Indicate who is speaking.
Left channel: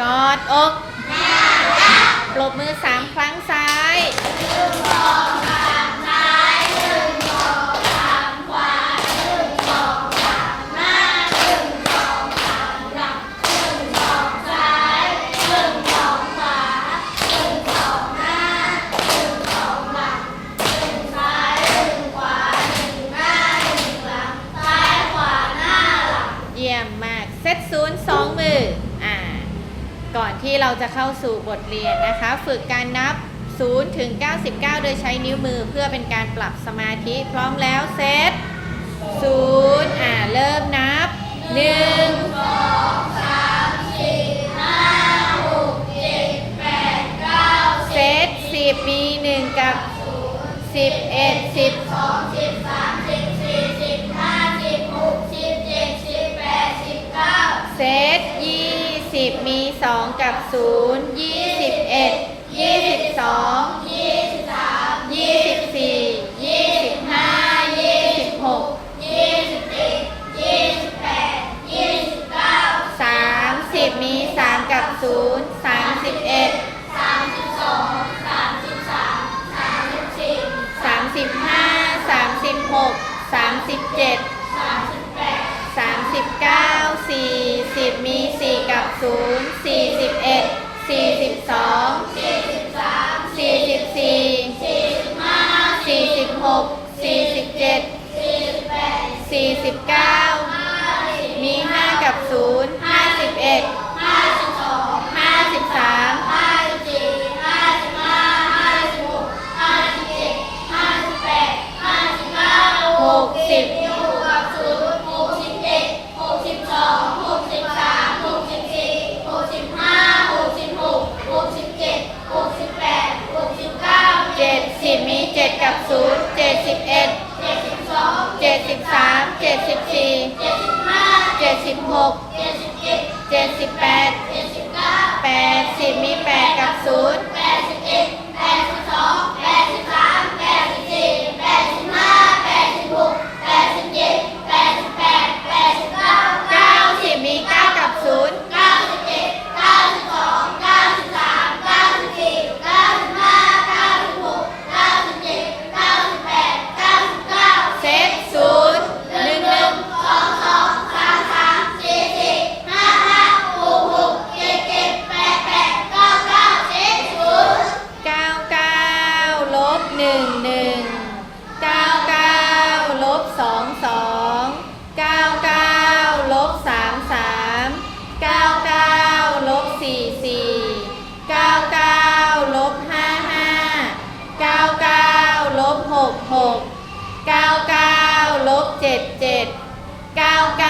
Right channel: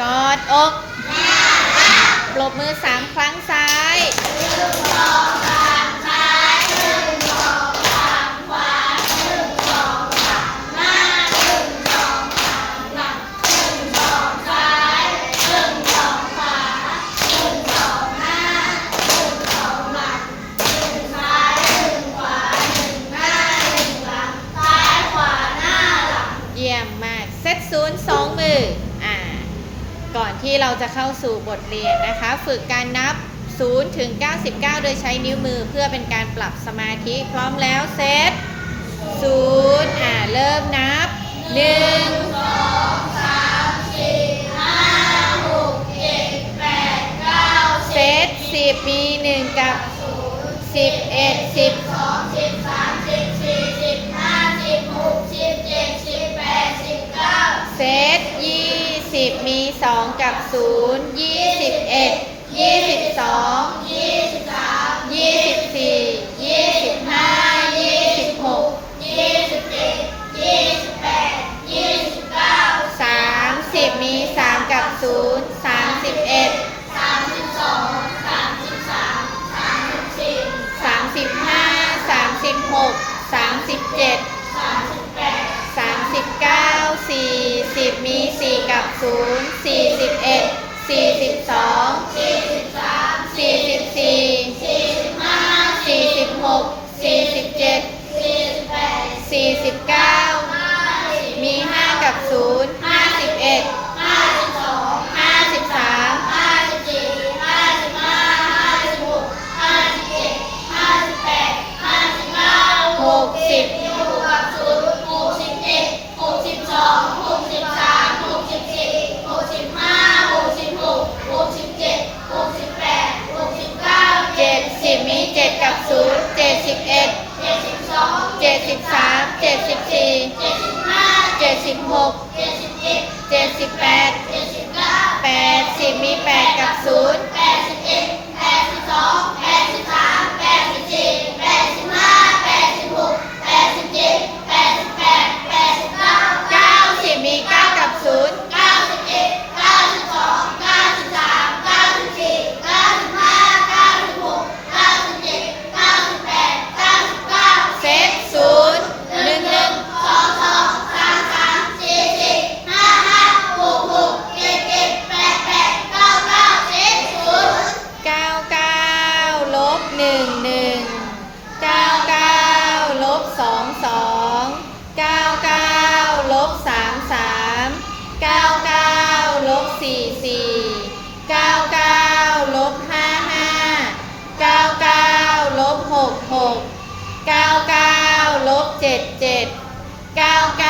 Speaker 1: กอดอกปรบมือสามครั้งซ้ายเยี่ยมมาก เซตศูนย์สองมือ ก่อนที่เราจะเข้าสู่บทเรียนนะคะ ฝึกการนับ 0 ถึง 99 โดยใช้นิ้วมือเพื่อเป็นการปรับสมาธิพร้อมแล้วเซต0อ่าเริ่มนับ1เซต10 มี 1 กับ 11 10เซตยี่ สิบมีสองกับศูนย์ยี่สิบเอ็ดยี่สิบสองยี่สิบสามยี่สิบสี่ยี่สิบห้ายี่สิบหกยี่สิบเจ็ดยี่สิบแปดยี่สิบเก้าสามสิบมีสามกับศูนย์สามสิบเอ็ดสามสิบสองสามสิบสามสามสิบสี่สามสิบห้าสามสิบหกสามสิบเจ็ดสามสิบเก้าสี่สิบมีสี่ กับศูนย์สี่สิบเอ็ดสี่สิบสองสี่สิบสามสี่สิบสี่สี่สิบห้าสี่สิบหกสี่สิบเจ็ดสี่สิบแปดสี่สิบเก้ามีห้ากับศูนย์ห้าสิบเอ็ดห้าสิบสองห้าสิบสามห้าสิบสี่ห้าสิบห้าห้าสิบหกห้าสิบเจ็ดห้าสิบแปดห้าสิบเก้าหกสิบ เจ็ดสิบมี เจ็ดกับศูนย์เจ็ดสิบเอ็ดเจ็ดสิบสองเจ็ดสิบสามเจ็ดสิบสี่เจ็ดสิบห้าเจ็ดสิบหกเจ็ดสิบเจ็ดเจ็ดสิบแปดเจ็ดสิบเก้าแปดสิบมีแปดกับศูนย์ นึ่งหนึ่งเก้าเก้าลบสองสองเก้าเก้าลบสามสามเก้าเก้าลบสี่สี่เก้าเก้าลบห้าห้าเก้าเก้าลบหกหกเก้าเก้าลบเจ็ดเจ็ดเก้าเก้า